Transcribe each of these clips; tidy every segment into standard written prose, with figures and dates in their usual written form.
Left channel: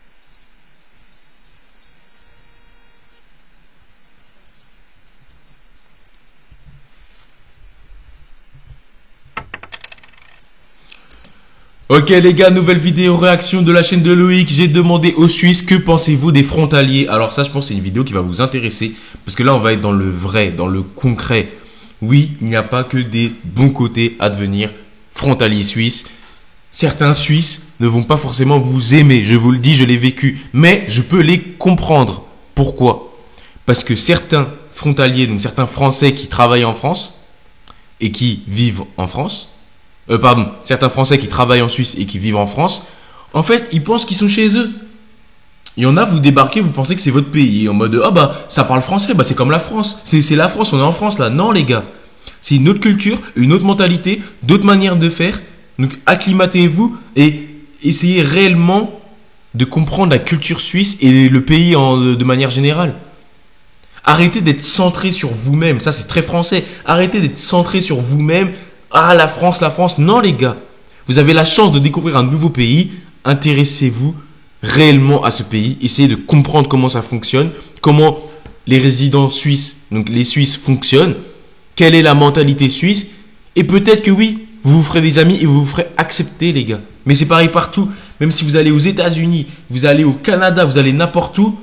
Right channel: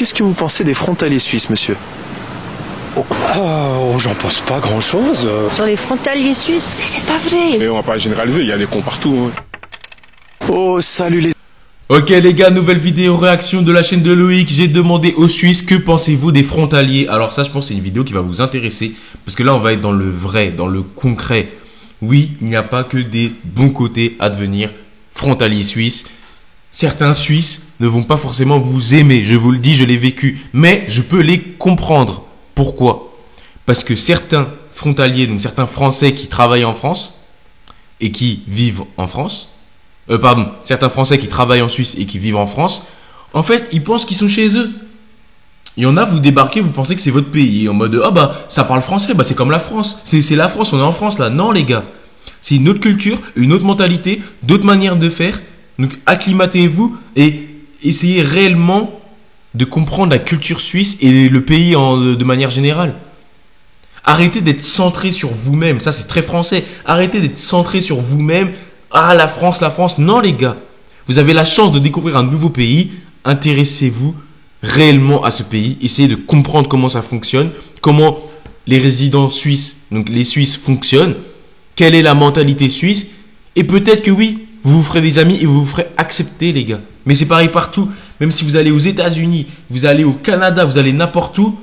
qu'est-ce que vous pensez des frontaliers suisses, monsieur? J'en pense pas grand-chose. Sur les frontaliers suisses? Mais c'est pas vrai. Mais on va pas généraliser, il y a des cons partout. Hein. Oh, salut les... Ok les gars, nouvelle vidéo réaction de la chaîne de Loïc. J'ai demandé aux Suisses que pensez-vous des frontaliers. Alors ça, je pense que c'est une vidéo qui va vous intéresser. Parce que là, on va être dans le vrai, dans le concret. Oui, il n'y a pas que des bons côtés à devenir frontalier suisse. Certains Suisses ne vont pas forcément vous aimer. Je vous le dis, je l'ai vécu. Mais je peux les comprendre. Pourquoi? Parce que certains frontaliers, donc certains Français qui travaillent en France et qui vivent en France, certains Français qui travaillent en Suisse et qui vivent en France, en fait, ils pensent qu'ils sont chez eux. Il y en a, vous débarquez, vous pensez que c'est votre pays, en mode, ah bah, ça parle français, bah c'est comme la France. C'est la France, on est en France là. Non les gars, c'est une autre culture, une autre mentalité, d'autres manières de faire. Donc acclimatez-vous et essayez réellement de comprendre la culture suisse et le pays de manière générale. Arrêtez d'être centré sur vous-même, ça c'est très français. Arrêtez d'être centré sur vous-même. Ah, la France. Non, les gars. Vous avez la chance de découvrir un nouveau pays. Intéressez-vous réellement à ce pays. Essayez de comprendre comment ça fonctionne. Comment les résidents suisses, donc les Suisses, fonctionnent. Quelle est la mentalité suisse. Et peut-être que oui, vous vous ferez des amis et vous vous ferez accepter, les gars. Mais c'est pareil partout. Même si vous allez aux États-Unis, vous allez au Canada, vous allez n'importe où.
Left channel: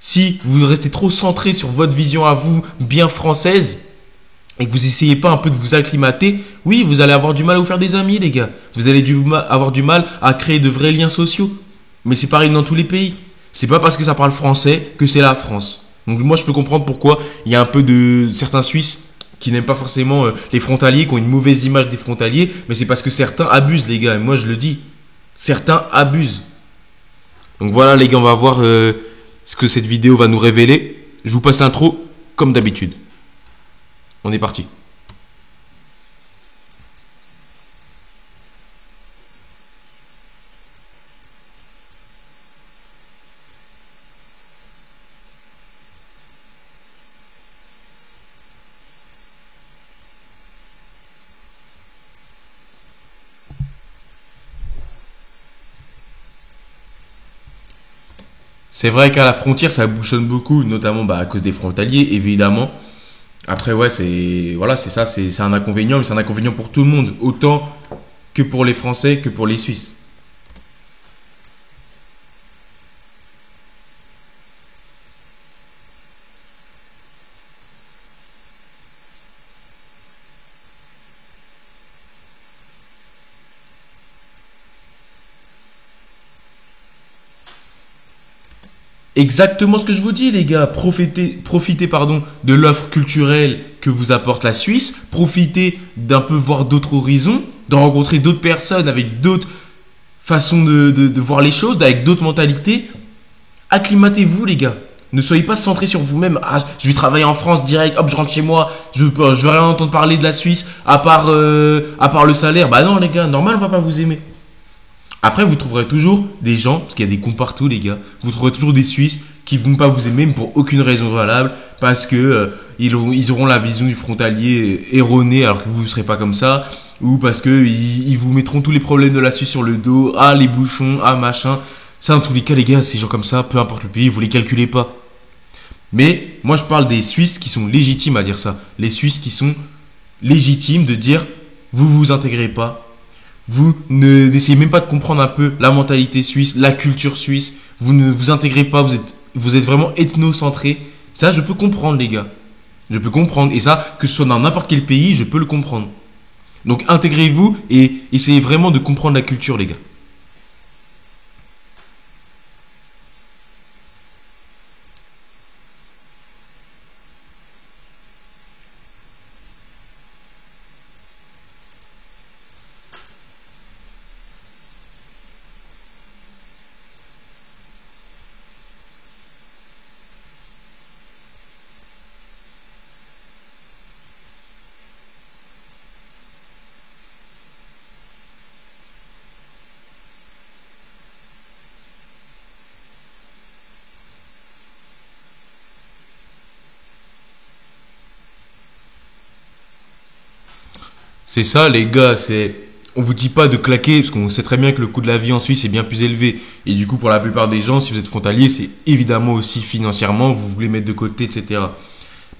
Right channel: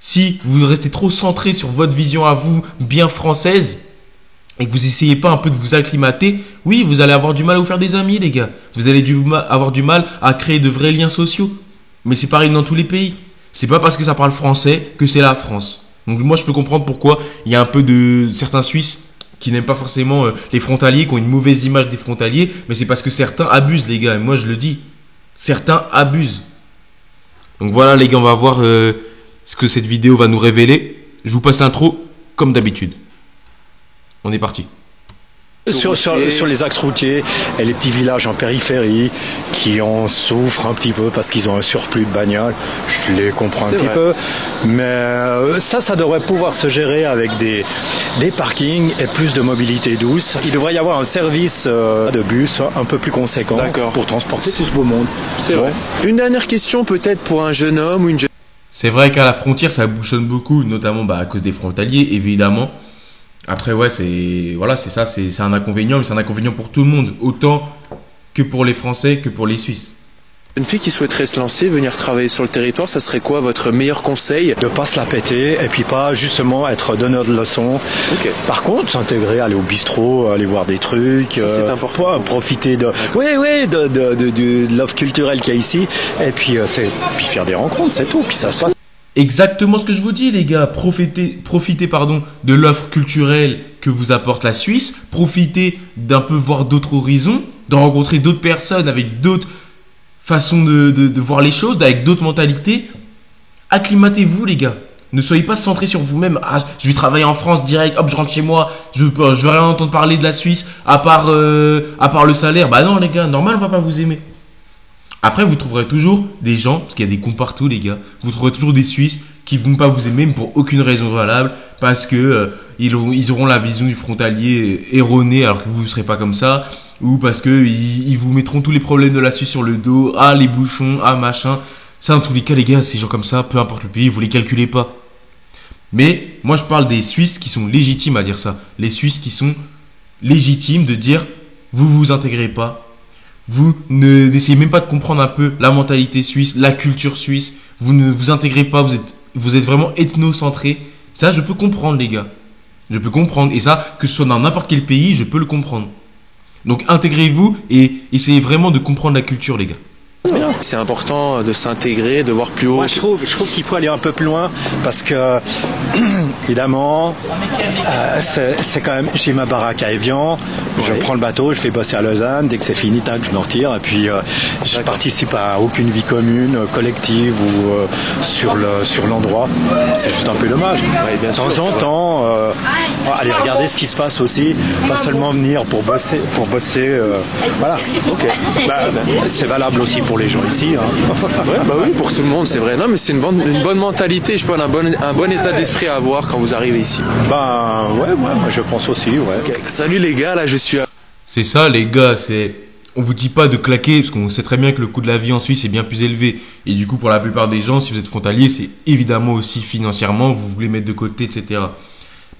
Si vous restez trop centré sur votre vision à vous, bien française, et que vous essayez pas un peu de vous acclimater, oui, vous allez avoir du mal à vous faire des amis, les gars. Vous allez avoir du mal à créer de vrais liens sociaux. Mais c'est pareil dans tous les pays. C'est pas parce que ça parle français que c'est la France. Donc moi, je peux comprendre pourquoi il y a un peu de certains Suisses qui n'aiment pas forcément les frontaliers, qui ont une mauvaise image des frontaliers. Mais c'est parce que certains abusent, les gars. Et moi, je le dis. Certains abusent. Donc voilà, les gars, on va voir ce que cette vidéo va nous révéler. Je vous passe l'intro, comme d'habitude. On est parti. Sur les axes routiers et les petits villages en périphérie qui en souffrent un petit peu parce qu'ils ont un surplus de bagnoles, je les comprends un petit peu. Mais ça devrait pouvoir se gérer avec des parkings et plus de mobilité douce. Il devrait y avoir un service de bus un peu plus conséquent pour transporter tout ce beau monde. C'est vrai. Une dernière question peut-être pour un jeune homme ou une jeune... C'est vrai qu'à la frontière, ça bouchonne beaucoup, notamment à cause des frontaliers, évidemment. Après, ouais, c'est ça, c'est un inconvénient, mais c'est un inconvénient pour tout le monde, autant que pour les Français que pour les Suisses. Une fille qui souhaiterait se lancer, venir travailler sur le territoire, ça serait quoi votre meilleur conseil? De pas se la péter et puis pas justement être donneur de leçons. Par contre, s'intégrer, aller au bistrot, aller voir des trucs, c'est important. Profiter de l'offre culturelle qu'il y a ici et puis faire des rencontres, c'est tout. Puis ça se passe. Exactement ce que je vous dis, les gars. Profitez de l'offre culturelle que vous apporte la Suisse. Profitez d'un peu voir d'autres horizons, de rencontrer d'autres personnes avec d'autres façons de voir les choses, avec d'autres mentalités. Acclimatez-vous, les gars. Ne soyez pas centrés sur vous-même. Ah, je vais travailler en France direct. Hop, je rentre chez moi. Je veux rien entendre parler de la Suisse à part le salaire. Bah non, les gars. Normal, on va pas vous aimer. Après, vous trouverez toujours des gens, parce qu'il y a des cons partout, les gars. Vous trouverez toujours des Suisses qui vont pas vous aimer, mais pour aucune raison valable, parce que ils auront la vision du frontalier erronée, alors que vous ne serez pas comme ça, ou parce que ils vous mettront tous les problèmes de la Suisse sur le dos, ah les bouchons, ah machin. Ça, dans tous les cas, les gars, ces gens comme ça, peu importe le pays, vous les calculez pas. Mais moi, je parle des Suisses qui sont légitimes à dire ça. Les Suisses qui sont légitimes de dire, vous intégrez pas. Vous n'essayez même pas de comprendre un peu la mentalité suisse, la culture suisse. Vous ne vous intégrez pas, vous êtes vraiment ethnocentré. Ça, je peux comprendre, les gars. Je peux comprendre. Et ça, que ce soit dans n'importe quel pays, je peux le comprendre. Donc, intégrez-vous et essayez vraiment de comprendre la culture, les gars. C'est important de s'intégrer, de voir plus haut. Moi, je trouve qu'il faut aller un peu plus loin parce que, évidemment, c'est quand même, j'ai ma baraque à Évian, je prends le bateau, je fais bosser à Lausanne, dès que c'est fini, tac, je me retire et puis je participe à aucune vie commune, collective ou sur l'endroit. C'est juste un peu dommage. De temps en temps, aller regarder ce qui se passe aussi, pas seulement venir pour bosser, voilà. C'est valable aussi pour les gens ici. Oui, pour tout le monde, c'est vrai. Non, mais c'est une bonne mentalité, je pense, un bon état d'esprit à avoir quand vous arrivez ici. Moi je pense aussi, ouais. Salut les gars, là je suis... C'est ça, les gars, c'est on vous dit pas de claquer, parce qu'on sait très bien que le coût de la vie en Suisse est bien plus élevé. Et du coup, pour la plupart des gens, si vous êtes frontalier, c'est évidemment aussi financièrement, vous voulez mettre de côté, etc.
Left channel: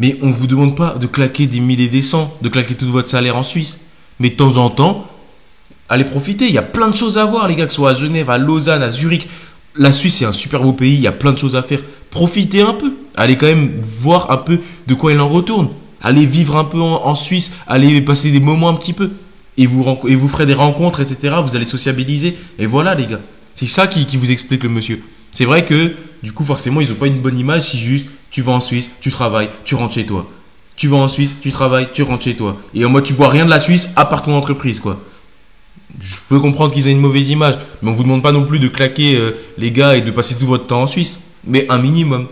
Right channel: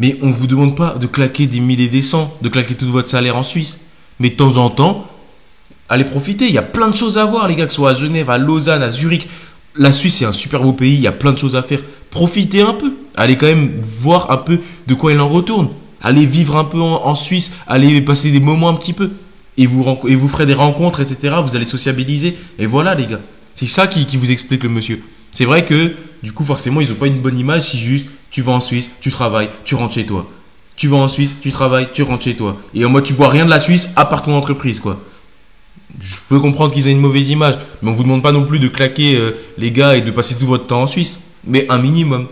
Mais on vous demande pas de claquer des 1000 et des 100, de claquer tout votre salaire en Suisse. Mais de temps en temps, allez profiter. Il y a plein de choses à voir, les gars, que ce soit à Genève, à Lausanne, à Zurich. La Suisse, c'est un super beau pays, il y a plein de choses à faire. Profitez un peu. Allez quand même voir un peu de quoi il en retourne. Allez vivre un peu en Suisse, allez passer des moments un petit peu. Et vous ferez des rencontres, etc. Vous allez sociabiliser. Et voilà, les gars. C'est ça qui vous explique le monsieur. C'est vrai que, du coup, forcément, ils ont pas une bonne image si juste tu vas en Suisse, tu travailles, tu rentres chez toi. Tu vas en Suisse, tu travailles, tu rentres chez toi. Et en mode, tu vois rien de la Suisse à part ton entreprise, quoi. Je peux comprendre qu'ils aient une mauvaise image, mais on vous demande pas non plus de claquer les gars et de passer tout votre temps en Suisse. Mais un minimum.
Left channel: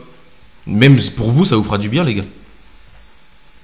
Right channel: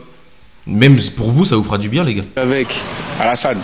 Même pour vous, ça vous fera du bien, les gars. Avec Alassane,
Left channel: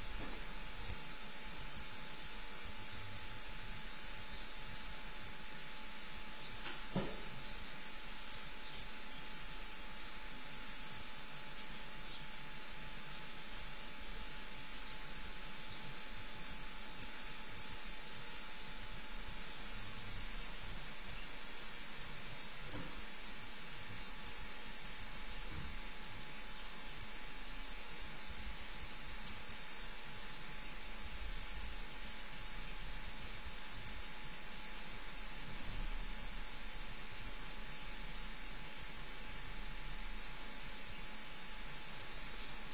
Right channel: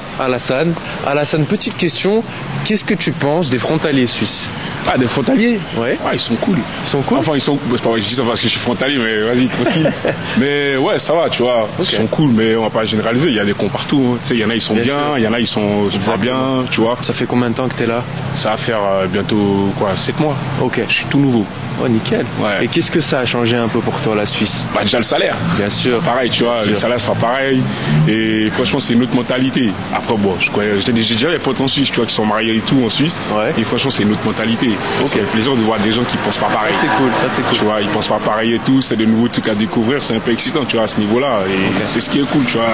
petite question. Qu'est-ce que tu penses des frontaliers suisses? Ah, des frontaliers? Ouais. Ah, ils sont cool. Ils sont cool? Enfin, ils sont. C'est pas vrai, je dis ça parce que je suis frontalier, mais vas-y, tranquille. Mais ouais, ça va, tu vois. Ok. Ils sont cool, mais on va pas généraliser. Il y a des cons partout. Hein. Tu sais, il y en a, ils sont bien. Il y en a, ils sont pas bien, tu vois. Ça fait combien de temps que t'es là? Ça va faire bientôt, 7 mois. Ok. Je suis tout nouveau. Oh, nickel. Ouais. Et qu'est-ce que ça a changé un peu pour toi, la Suisse? Bah, déjà le salaire. Bien sûr. Pareil, tu vois, Bien le sûr. salaire sera pareil. Et franchement, c'est une autre mentalité. Après, bon, j'ai déjà des potes en Suisse, tu vois, qui sont mariés et tout en Suisse. Ouais. Et franchement, c'est une autre mentalité. C'est le plaisir de voir des gens qui pensent pas pareil. C'est cool, ça c'est cool. Tu vois, ils pensent pas pareil et tout. C'est de nouveaux trucs à découvrir. C'est un peu excitant, tu vois, à ce niveau-là. Et c'est ce qui est cool, tu vois.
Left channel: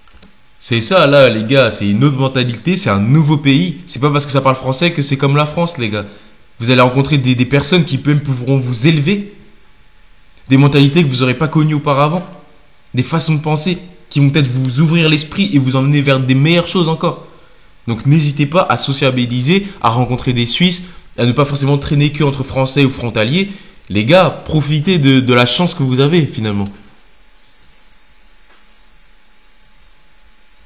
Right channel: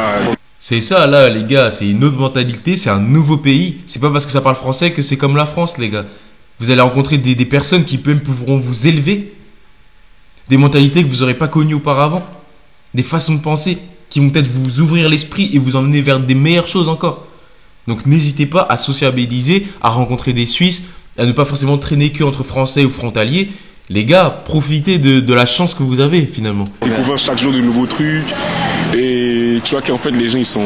C'est ça, là, les gars. C'est une autre mentalité. C'est un nouveau pays. C'est pas parce que ça parle français que c'est comme la France, les gars. Vous allez rencontrer des personnes qui même pourront vous élever. Des mentalités que vous n'aurez pas connues auparavant. Des façons de penser qui vont peut-être vous ouvrir l'esprit et vous emmener vers des meilleures choses encore. Donc n'hésitez pas à sociabiliser, à rencontrer des Suisses, à ne pas forcément traîner que entre Français ou frontaliers. Les gars, profitez de la chance que vous avez finalement. Découvrir chaque jour de nouveaux trucs. Et tu vois qu'en fait, les gens, ils sont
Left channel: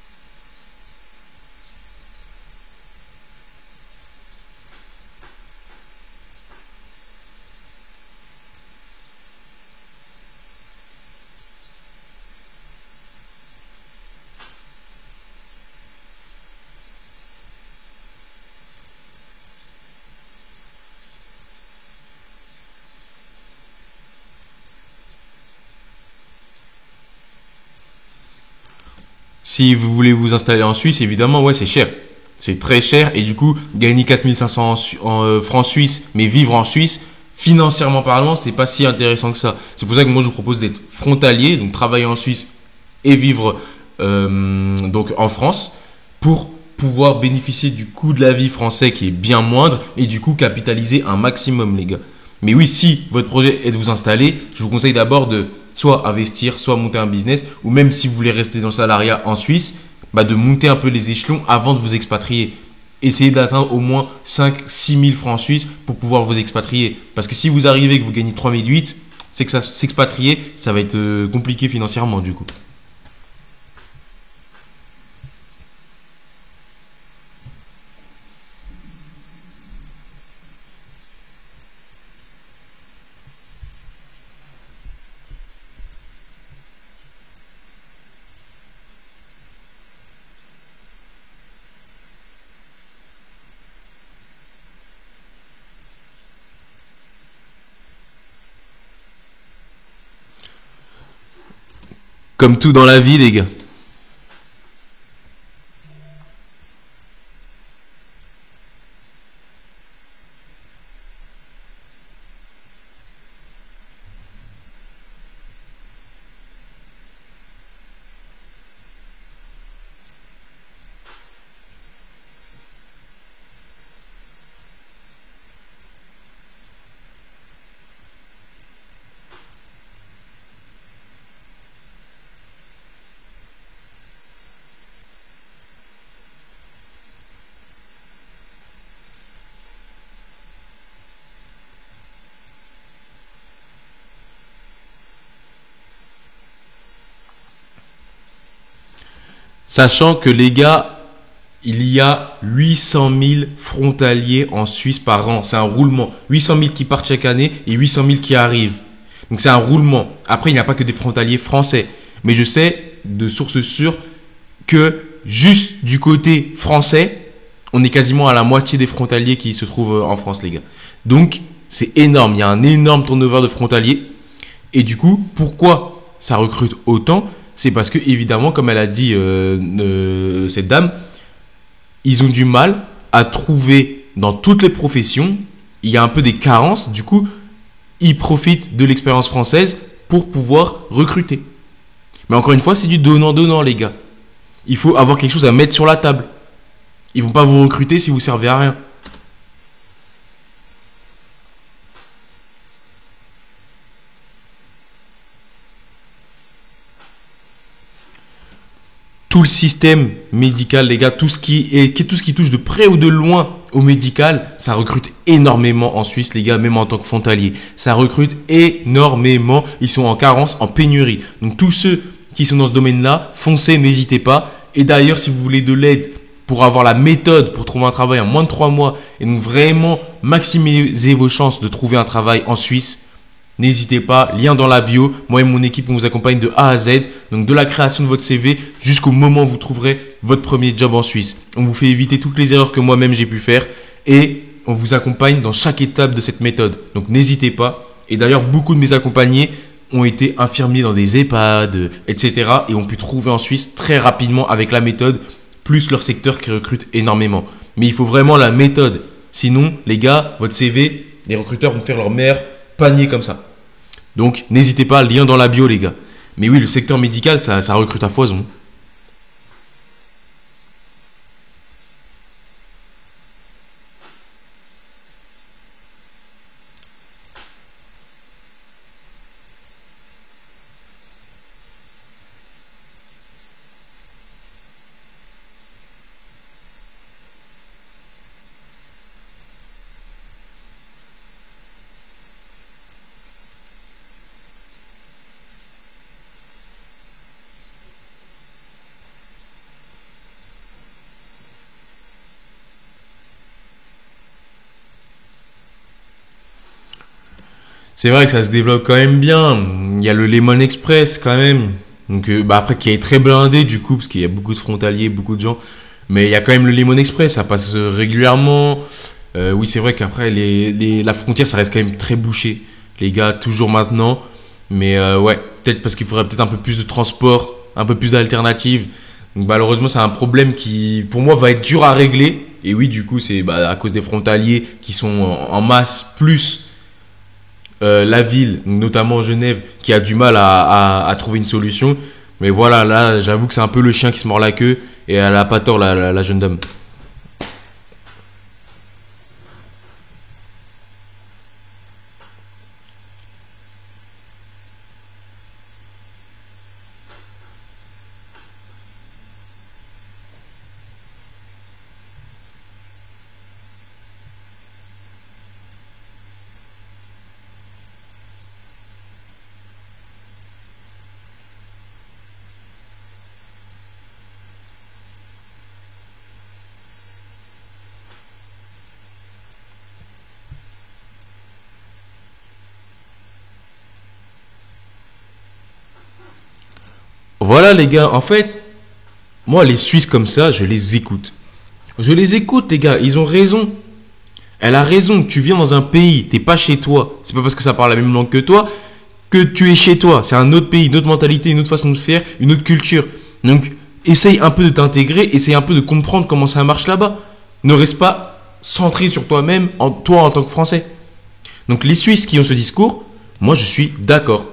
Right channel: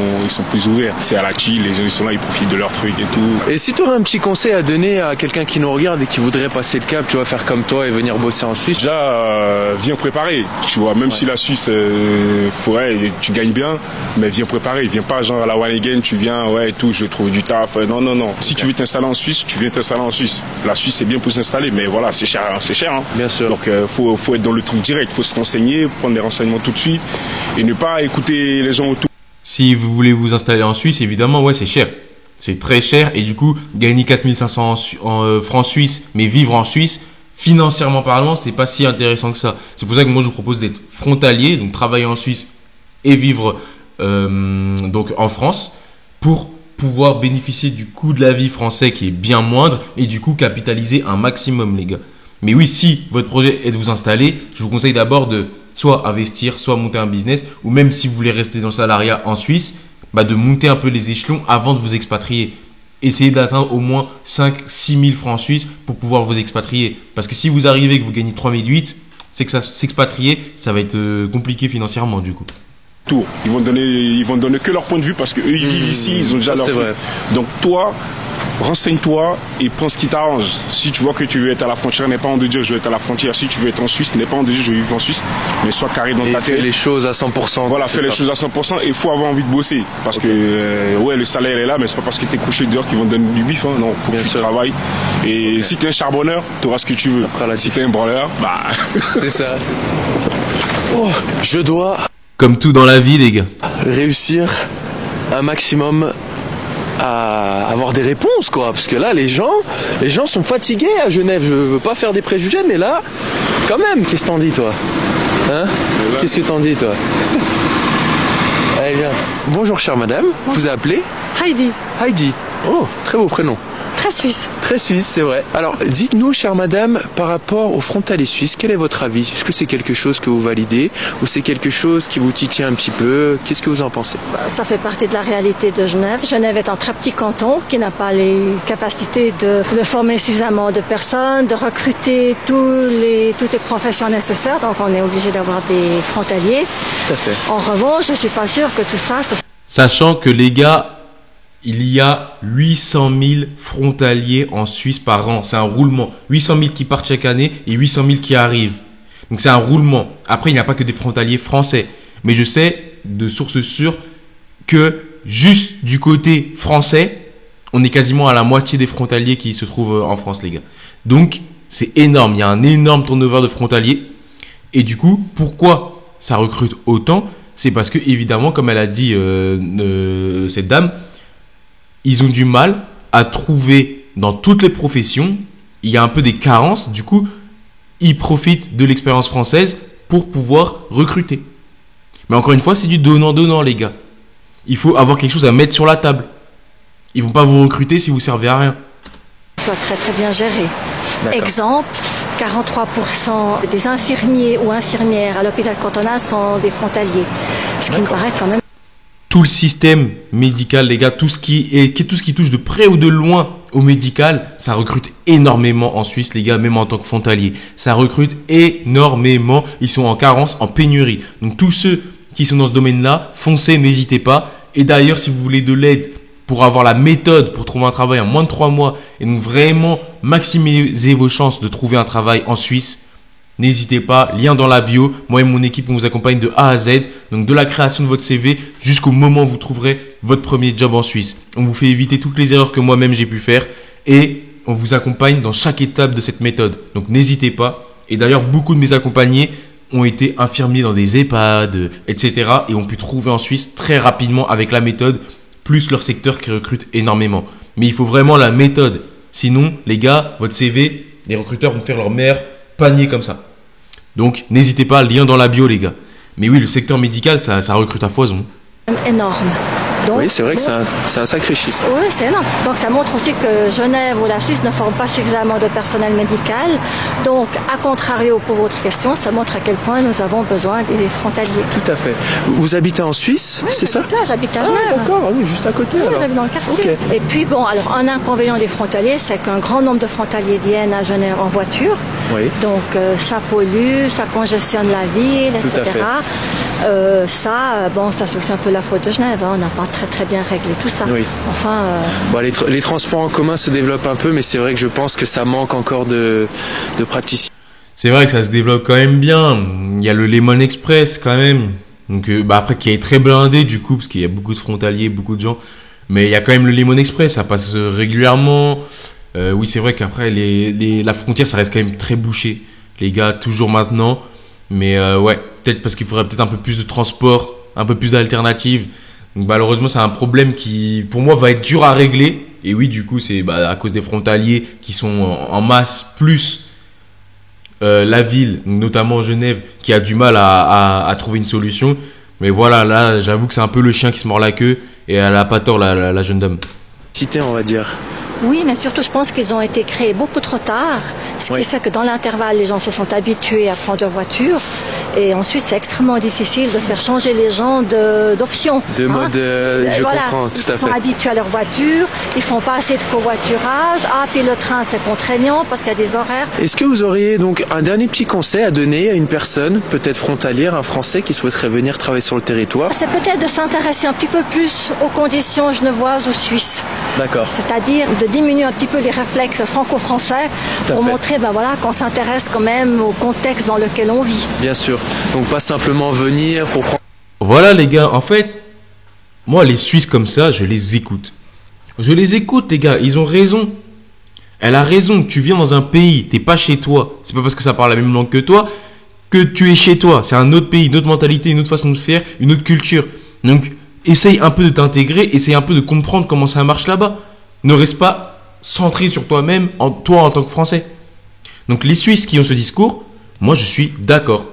plus ouverts. C'est à la chill, les gens, ils sont là, ils profitent de leurs trucs et tout. Et si tu aurais un petit conseil à donner à quelqu'un qui nous regarde et qui voudrait passer le cap, tu vois, faire comme toi et venir bosser en Suisse? Déjà, viens préparer, tu vois, même si la Suisse, tu gagnes bien, mais viens préparer, viens pas genre à la one again, tu viens, ouais, et tout, je vais trouver du taf, non, non, non. Si tu veux t'installer en Suisse, tu viens t'installer en Suisse. La Suisse, c'est bien pour s'installer, mais voilà, c'est cher, hein. Bien sûr. Donc, faut être dans le truc direct, faut se renseigner, prendre des renseignements tout de suite, et ne pas écouter les gens autour. Si vous voulez vous installer en Suisse, évidemment, ouais, c'est cher. C'est très cher et du coup, gagner 4500 en francs suisses, mais vivre en Suisse, financièrement parlant, c'est pas si intéressant que ça. C'est pour ça que moi, je vous propose d'être frontalier, donc travailler en Suisse et vivre donc en France pour pouvoir bénéficier du coût de la vie français qui est bien moindre et du coup capitaliser un maximum, les gars. Mais oui, si votre projet est de vous installer, je vous conseille d'abord de soit investir, soit monter un business, ou même si vous voulez rester dans le salariat en Suisse, bah de monter un peu les échelons avant de vous expatrier. Essayez d'atteindre au moins 5-6 000 francs suisses pour pouvoir vous expatrier. Parce que si vous arrivez et que vous gagnez 3 008, c'est que s'expatrier, ça va être compliqué financièrement du coup. Ils vont donner que leur point de vue parce que eux ils vivent ici, ils ont déjà leur c'est truc. vrai. Donc toi, renseigne-toi et prends ce qui t'arrange. Si tu vois que tu veux être à la frontière, n'aie pas honte de dire je veux être à la frontière. Si tu veux être en Suisse, n'aie pas honte de dire je veux vivre en Suisse, mais sois carré dans Et ta fais tête. les choses à 100%. Voilà, c'est fais les ça. choses à 100% et il faut avoir envie de bosser. Parce que ouais, le salaire est là, mais c'est pas parce que tu es couché dehors qu'ils vont te donner du bif. Hein. Non, faut Bien que tu sûr. travailles. Et si tu es un charbonneur, tu auras ce que tu veux. fera la Si diff. tu es un branleur, bah. C'est ça. Oh, je dois Comme tout dans la vie, les gars. réussir un maximum à avoir des réponses, quoi, parce que là les gens sont fatigués à Genève. Je veux pas faire des préjugés, mais là quand même, qu'est-ce que t'en dis, toi, hein? Qu'est-ce que t'en dis, toi? Allez, viens. Bonjour chère madame, vous appelez Heidi, Heidi. Oh, très beau prénom. très suisse. Très suisse, c'est vrai. Alors, dites-nous, chère madame, par rapport aux frontaliers suisses, quel est votre avis? Est-ce que c'est quelque chose que vous validez ou c'est quelque chose qui vous titille un petit peu? Qu'est-ce que vous en pensez? Ça fait partie de la réalité de Genève. Genève est un très petit canton qui n'a pas les capacités de former suffisamment de personnes, de recruter toutes les professions nécessaires. Donc, on est obligé d'avoir des frontaliers. Tout à fait. En revanche, je suis pas sûre que tout ça, Sachant que les gars, il y a 800 000 frontaliers en Suisse par an. C'est un roulement. 800 000 qui partent chaque année et 800 000 qui arrivent. Donc c'est un roulement. Après, il n'y a pas que des frontaliers français. Mais je sais de sources sûres que juste du côté français, on est quasiment à la moitié des frontaliers qui se trouvent en France, les gars. Donc, c'est énorme. Il y a un énorme turnover de frontaliers. Et du coup, pourquoi ça recrute autant? C'est parce que, évidemment, comme elle a dit cette dame, ils ont du mal à trouver dans toutes les professions. Il y a un peu des carences. Du coup, ils profitent de l'expérience française pour pouvoir recruter. Mais encore une fois, c'est du donnant-donnant, les gars. Il faut avoir quelque chose à mettre sur la table. Ils vont pas vous recruter si vous servez à rien. Soit très très bien géré. D'accord. Exemple, 43% des infirmiers ou infirmières à l'hôpital cantonal sont des frontaliers. Ce qui me paraît quand même... Tout le système médical, les gars, tout ce qui touche de près ou de loin au médical, ça recrute énormément en Suisse, les gars, même en tant que frontalier. Ça recrute énormément. Ils sont en carence, en pénurie. Donc tous ceux qui sont dans ce domaine-là, foncez, n'hésitez pas. Et d'ailleurs, si vous voulez de l'aide pour avoir la méthode pour trouver un travail en moins de 3 mois et donc vraiment maximiser vos chances de trouver un travail en Suisse, n'hésitez pas, lien dans la bio. Moi et mon équipe, on vous accompagne de A à Z, donc de la création de votre CV jusqu'au moment où vous trouverez votre premier job en Suisse. On vous fait éviter toutes les erreurs que moi-même j'ai pu faire et on vous accompagne dans chaque étape de cette méthode. Donc n'hésitez pas. Et d'ailleurs, beaucoup de mes accompagnés ont été infirmiers dans des EHPAD, etc. et ont pu trouver en Suisse très rapidement avec la méthode, plus leur secteur qui recrute énormément. Mais il faut vraiment la méthode. Sinon, les gars, votre CV, les recruteurs vont faire leur meilleur panier comme ça. Donc, n'hésitez pas, lien dans la bio, les gars. Mais oui, le secteur médical, ça recrute à foison. énorme. Donc, oui, c'est vrai que c'est un sacré chiffre. Oui, c'est énorme. Donc ça montre aussi que Genève ou la Suisse ne forment pas suffisamment de personnel médical. Donc, à contrario pour votre question, ça montre à quel point nous avons besoin des frontaliers. Tout à fait. Vous habitez en Suisse, oui, c'est ça? Là, j'habite à Genève. D'accord, oui, juste à côté. Oui, alors. j'habite dans le quartier. Okay. Et puis bon, alors un inconvénient des frontaliers, c'est qu'un grand nombre de frontaliers viennent à Genève en voiture. Oui. Donc ça pollue, ça congestionne la ville, Tout etc. à fait. Ça c'est aussi un peu la faute de Genève. Hein. On n'a pas très bien réglé tout ça. Oui. Enfin. Bon, les transports en commun se développent un peu, mais c'est vrai que je pense que ça manque encore de praticité. C'est vrai que ça se développe quand même bien. Il y a le Lemon Express quand même. Donc après qui est très blindé du coup parce qu'il y a beaucoup de frontaliers, beaucoup de gens. Mais il y a quand même le Lemon Express, ça passe régulièrement. Oui, c'est vrai qu'après la frontière ça reste quand même très bouché. Les gars, toujours maintenant. Mais ouais, peut-être parce qu'il faudrait peut-être un peu plus de transport, un peu plus d'alternatives. Donc malheureusement, c'est un problème qui, pour moi, va être dur à régler. Et oui, du coup, c'est à cause des frontaliers qui sont en masse, plus la ville, notamment Genève, qui a du mal à trouver une solution. Mais voilà, là, j'avoue que c'est un peu le chien qui se mord la queue. Et elle a pas tort, la jeune dame. Cité, on va dire. Oui, mais surtout, je pense qu'ils ont été créés beaucoup trop tard, ce qui fait que dans l'intervalle, les gens se sont habitués à prendre leur voiture. Et ensuite, c'est extrêmement difficile de faire changer les gens d'options. De mode, je comprends, tout à fait. Ils sont habitués à leur voiture, ils font pas assez de covoiturage. Ah, puis le train, c'est contraignant parce qu'il y a des horaires. Est-ce que vous auriez donc un dernier petit conseil à donner à une personne, peut-être frontalière, un Français qui souhaiterait venir travailler sur le territoire? C'est peut-être de s'intéresser un petit peu plus aux conditions genevoises ou suisses. D'accord. C'est-à-dire de diminuer un petit peu les réflexes franco-français pour montrer qu'on s'intéresse quand même au contexte dans lequel on vit. Bien sûr. Donc pas simplement venir pour prendre... Voilà les gars, en fait, moi les Suisses comme ça, je les écoute. Je les écoute les gars, ils ont raison. Elle a raison, tu viens dans un pays, t'es pas chez toi. C'est pas parce que ça parle la même langue que toi que tu es chez toi. C'est un autre pays, une autre mentalité, une autre façon de faire, une autre culture. Donc essaye un peu de t'intégrer, essaye un peu de comprendre comment ça marche là-bas. Ne reste pas centré sur toi-même, toi en tant que Français. Donc les Suisses qui ont ce discours, moi je suis d'accord.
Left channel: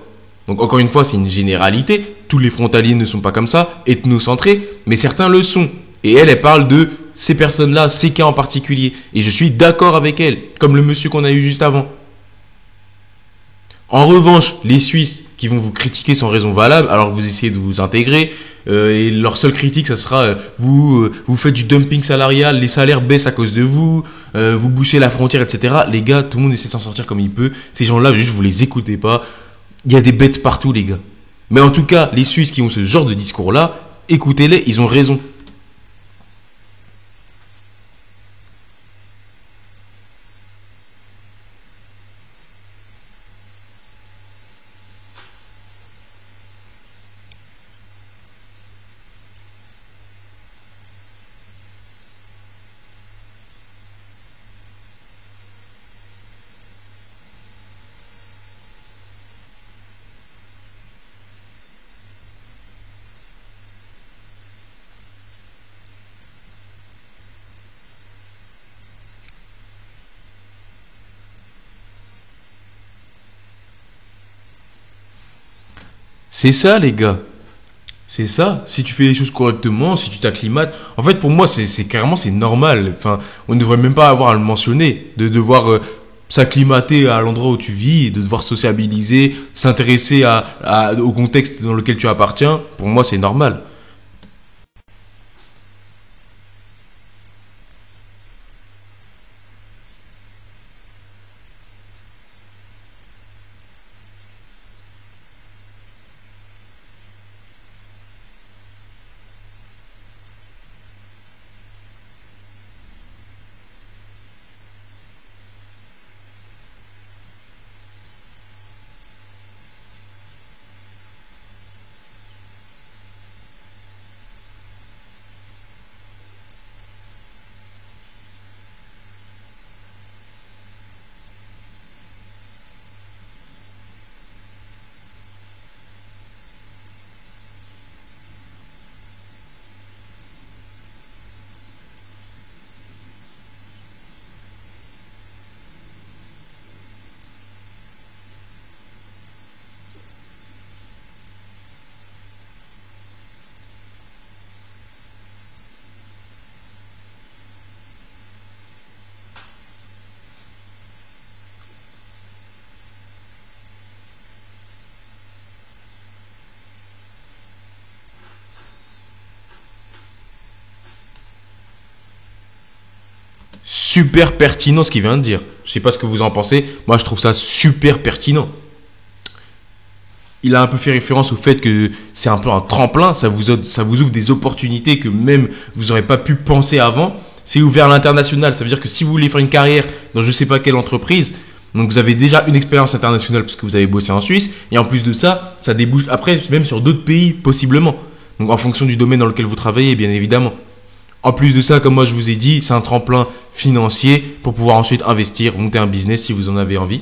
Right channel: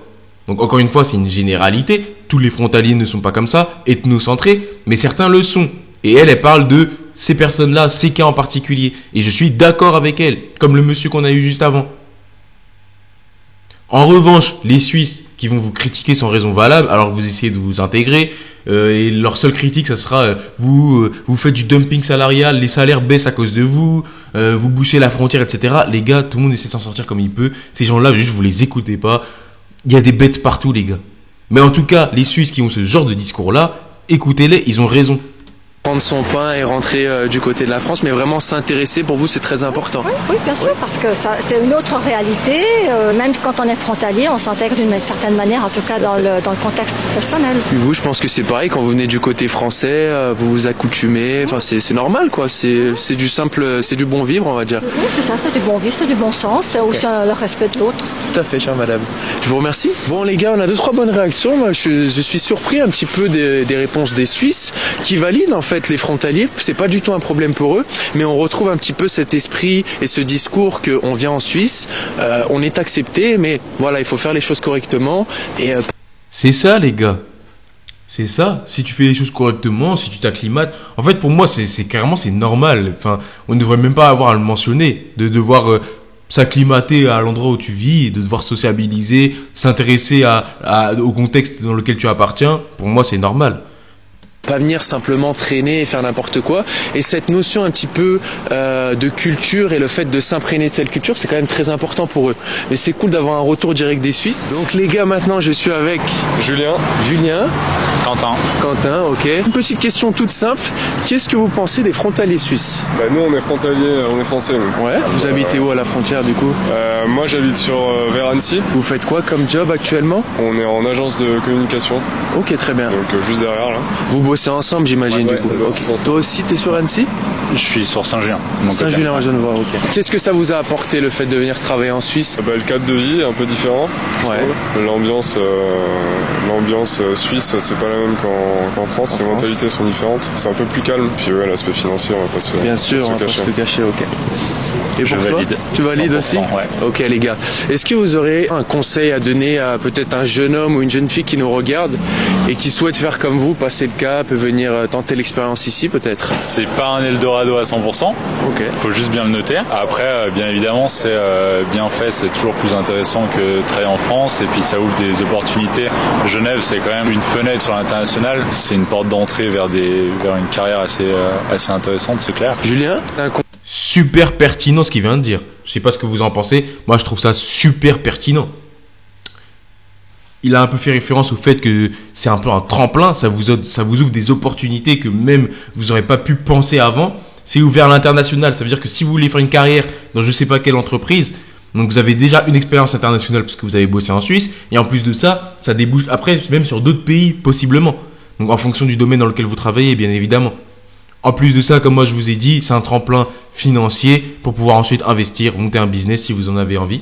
Donc encore une fois, c'est une généralité. Tous les frontaliers ne sont pas comme ça, ethnocentrés, mais certains le sont. Et elle parle de ces personnes-là, ces cas en particulier. Et je suis d'accord avec elle, comme le monsieur qu'on a eu juste avant. En revanche, les Suisses qui vont vous critiquer sans raison valable, alors vous essayez de vous intégrer, et leur seule critique, ça sera vous faites du dumping salarial, les salaires baissent à cause de vous, vous bouchez la frontière, etc. Les gars, tout le monde essaie de s'en sortir comme il peut. Ces gens-là, juste vous les écoutez pas. Il y a des bêtes partout, les gars. Mais en tout cas, les Suisses qui ont ce genre de discours-là, écoutez-les, ils ont raison. prendre son pain et rentrer du côté de la France, mais vraiment s'intéresser, pour vous, c'est très important. Oui, bien sûr, parce que c'est une autre réalité. Même quand on est frontalier, on s'intègre d'une certaine manière, en tout cas dans le contexte professionnel. Puis vous, je pense que c'est pareil, quand vous venez du côté français, vous vous accoutumez, enfin c'est normal quoi, c'est du simple, c'est du bon vivre, on va dire. Oui, c'est ça, c'est du bon vivre, c'est du bon sens, c'est aussi le respect de l'autre. Tout à fait, chère madame. Je vous remercie. Bon les gars, on a 2-3 bonnes réactions. Moi, je suis surpris un petit peu des réponses des Suisses qui valident en fait les frontaliers. C'est pas du tout un problème pour eux, mais on retrouve un petit peu cet esprit et ce discours qu'on vient en Suisse, on est accepté, mais voilà, il faut faire les choses correctement. Et C'est ça, les gars. C'est ça. Si tu fais les choses correctement, si tu t'acclimates. En fait, pour moi, c'est carrément, c'est normal. Enfin, on ne devrait même pas avoir à le mentionner. De devoir s'acclimater à l'endroit où tu vis, de devoir sociabiliser, s'intéresser au contexte dans lequel tu appartiens. Pour moi, c'est normal. Pas venir simplement traîner et faire n'importe quoi. Et cette notion un petit peu de culture et le fait de s'imprégner de cette culture, c'est quand même très important pour eux. Mais c'est cool d'avoir un retour direct des Suisses. Donc les gars, maintenant je suis avec Julien. Quentin, ok. Une petite question toute simple. Qu'est-ce que vous pensez des frontaliers suisses? Nous on est frontaliers, on est français nous. Ouais. Vous habitez où à la frontière du coup? Moi j'habite vers Annecy. Vous faites quoi comme job actuellement? On est en agence de communication. Ok, très bien. Donc juste derrière là. Vous bossez ensemble j'imagine Ouais, du coup. okay. Toi aussi t'es sur Annecy? Je suis sur Saint-Julien. Saint-Julien, je ne vois, ok. Qu'est-ce que ça vous a apporté le fait de venir travailler en Suisse? Le cadre de vie est un peu différent. Ouais. L'ambiance suisse, c'est pas la même qu'en France. Les mentalités sont différentes. C'est un peu plus calme. Puis ouais, l'aspect financier, on va pas se Bien sûr, on va pas se le cacher, ok. Et pour toi, valide. Tu valides aussi? Ouais. Ok les gars. Est-ce que vous aurez un conseil à donner à peut-être un jeune homme ou une jeune fille qui nous regarde et qui souhaite faire comme vous, passer le cap et venir tenter l'expérience ici peut-être? C'est pas un Eldorado à 100%. Ok. Faut juste bien le noter. Après, bien évidemment, c'est bien fait, c'est toujours plus intéressant que de travailler en France. Et puis ça ouvre des opportunités. Genève, c'est quand même une fenêtre sur l'international. C'est une porte d'entrée vers une carrière assez intéressante, c'est clair. Julien, Super pertinent ce qu'il vient de dire. Je sais pas ce que vous en pensez. Moi, je trouve ça super pertinent. Il a un peu fait référence au fait que c'est un peu un tremplin. Ça vous ouvre des opportunités que même vous n'aurez pas pu penser avant. C'est ouvert à l'international. Ça veut dire que si vous voulez faire une carrière dans je sais pas quelle entreprise, donc vous avez déjà une expérience internationale parce que vous avez bossé en Suisse. Et en plus de ça, ça débouche après même sur d'autres pays possiblement. Donc en fonction du domaine dans lequel vous travaillez, bien évidemment. En plus de ça, comme moi je vous ai dit, c'est un tremplin financier pour pouvoir ensuite investir, monter un business si vous en avez envie.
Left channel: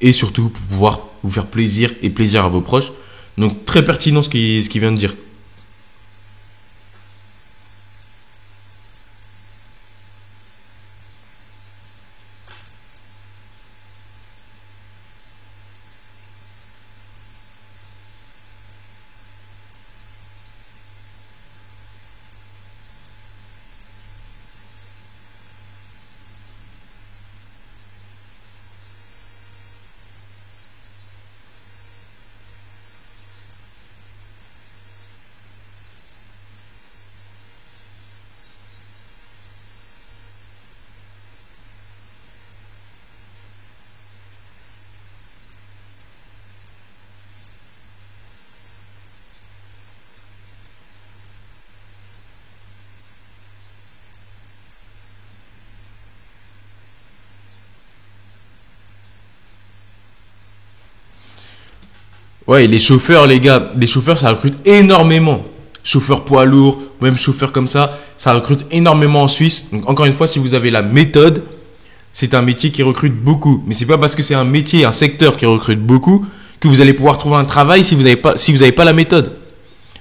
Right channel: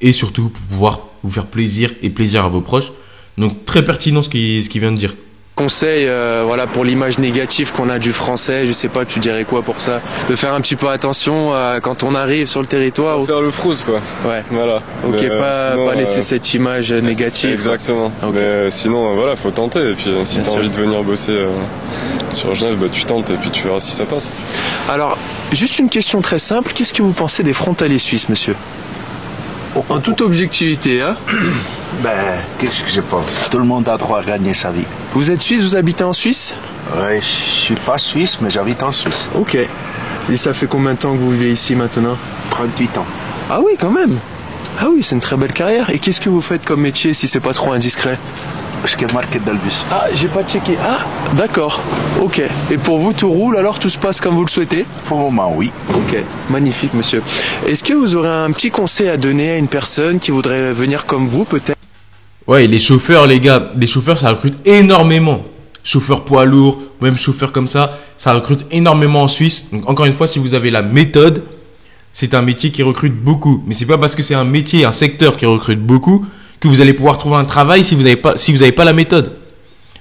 Et surtout pour pouvoir vous faire plaisir et plaisir à vos proches. Donc très pertinent ce qu'il vient de dire. conseil voilà, pour l'image négative qu'on a du français, je sais pas, tu dirais quoi pour ça? De faire un petit peu attention quand on arrive sur le territoire. Faire le frousse quoi. Ouais. Voilà. Ok, mais, pas laisser cette image négative. Exactement. Okay. Mais sinon, voilà, faut tenter. Et puis si tu as envie de venir bosser sur Genève, tu tentes et puis tu verras si ça passe. Alors, juste une question très simple. Qu'est-ce que vous pensez des frontaliers suisses, monsieur? En toute objectivité, hein? Qu'est-ce que je pense? Tout le monde a droit à gagner sa vie. Vous êtes suisse, vous habitez en Suisse? Ouais, je suis pas suisse, mais j'habite en Suisse. Ok. Et ça fait combien de temps que vous vivez ici maintenant? 38 ans. Ah oui, quand même. Ah oui, c'est une très belle carrière. Et qu'est-ce que vous faites comme métier si c'est pas trop indiscret? Je suis marqué dans le bus. Ah, j'ai pas checké. Ah, d'accord. Ok. Et pour vous, tout roule alors? Tout se passe comme vous le souhaitez? Pour le moment, oui. Ok. Magnifique, monsieur. Est-ce que vous aurez un petit conseil à donner à une personne qui voudrait venir comme vous, peut-être? Ouais, les chauffeurs, les gars, les chauffeurs, ça recrute énormément. Chauffeurs poids lourds, même chauffeurs comme ça recrute énormément en Suisse. Donc encore une fois, si vous avez la méthode, c'est un métier qui recrute beaucoup. Mais c'est pas parce que c'est un métier, un secteur qui recrute beaucoup que vous allez pouvoir trouver un travail si vous n'avez pas la méthode.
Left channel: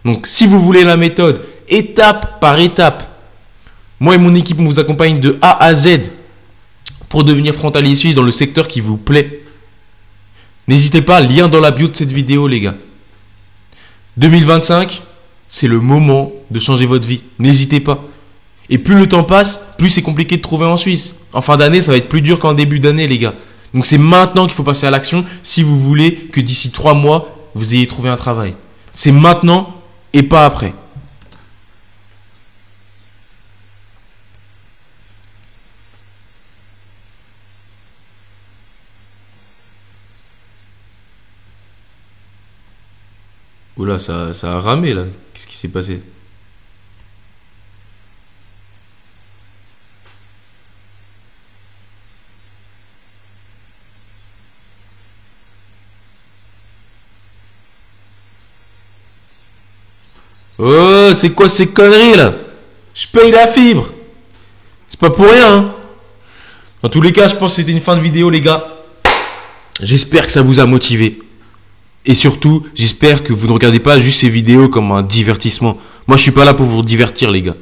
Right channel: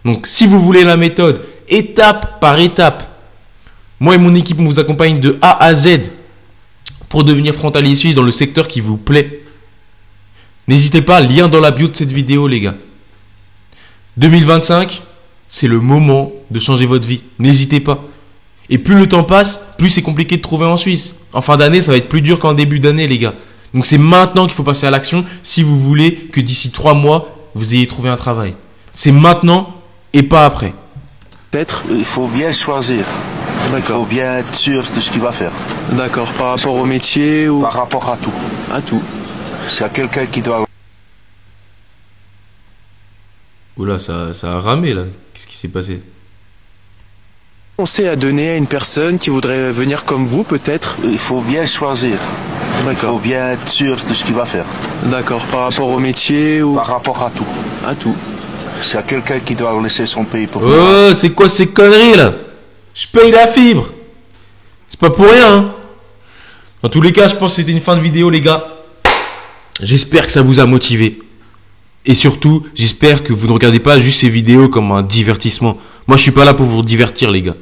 Donc si vous voulez la méthode, étape par étape, moi et mon équipe, on vous accompagne de A à Z pour devenir frontalier suisse dans le secteur qui vous plaît. N'hésitez pas, lien dans la bio de cette vidéo, les gars. 2025, c'est le moment de changer votre vie. N'hésitez pas. Et plus le temps passe, plus c'est compliqué de trouver en Suisse. En fin d'année, ça va être plus dur qu'en début d'année, les gars. Donc c'est maintenant qu'il faut passer à l'action si vous voulez que d'ici 3 mois, vous ayez trouvé un travail. C'est maintenant et pas après. Peut-être. Il faut bien choisir. Il faut bien être sûr de ce qu'il va faire. D'accord. Par rapport au métier ou... Par rapport à tout. À tout. S'il y a quelqu'un qui doit... Oula, ça a ramé là. Qu'est-ce qui s'est passé? conseil à donner à une personne qui voudrait venir comme vous, peut-être? Il faut bien choisir. Il faut bien être sûr de ce qu'il va faire. D'accord, par rapport au métier ou... Par rapport à tout. À tout. S'il y a quelqu'un qui doit laisser son pays pour... Oh, c'est quoi ces conneries là? Je paye la fibre. C'est pas pour rien, hein. Dans tous les cas, je pense que c'était une fin de vidéo, les gars. J'espère que ça vous a motivé. Et surtout, j'espère que vous ne regardez pas juste ces vidéos comme un divertissement. Moi, je suis pas là pour vous divertir, les gars.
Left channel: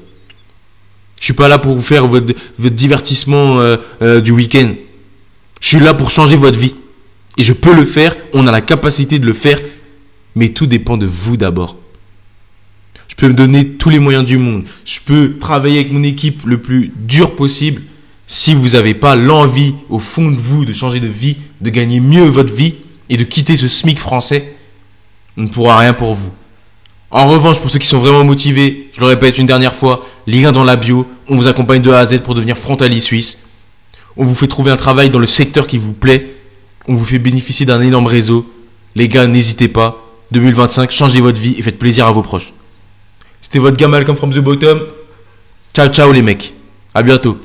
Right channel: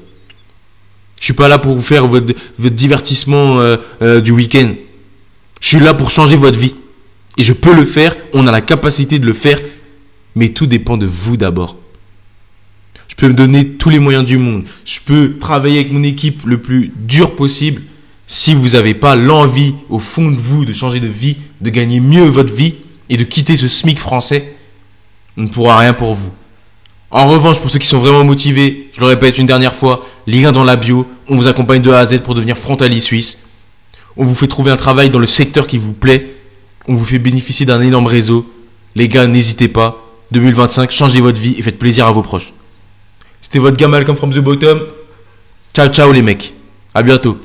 Je suis pas là pour vous faire votre divertissement du week-end. Je suis là pour changer votre vie. Et je peux le faire, on a la capacité de le faire. Mais tout dépend de vous d'abord. Je peux me donner tous les moyens du monde. Je peux travailler avec mon équipe le plus dur possible. Si vous n'avez pas l'envie au fond de vous de changer de vie, de gagner mieux votre vie et de quitter ce SMIC français, on ne pourra rien pour vous. En revanche, pour ceux qui sont vraiment motivés, je le répète une dernière fois, lien dans la bio, on vous accompagne de A à Z pour devenir frontalier suisse. On vous fait trouver un travail dans le secteur qui vous plaît. On vous fait bénéficier d'un énorme réseau. Les gars, n'hésitez pas. 2025, changez votre vie et faites plaisir à vos proches. C'était votre gars Malcolm from the bottom. Ciao ciao les mecs. À bientôt.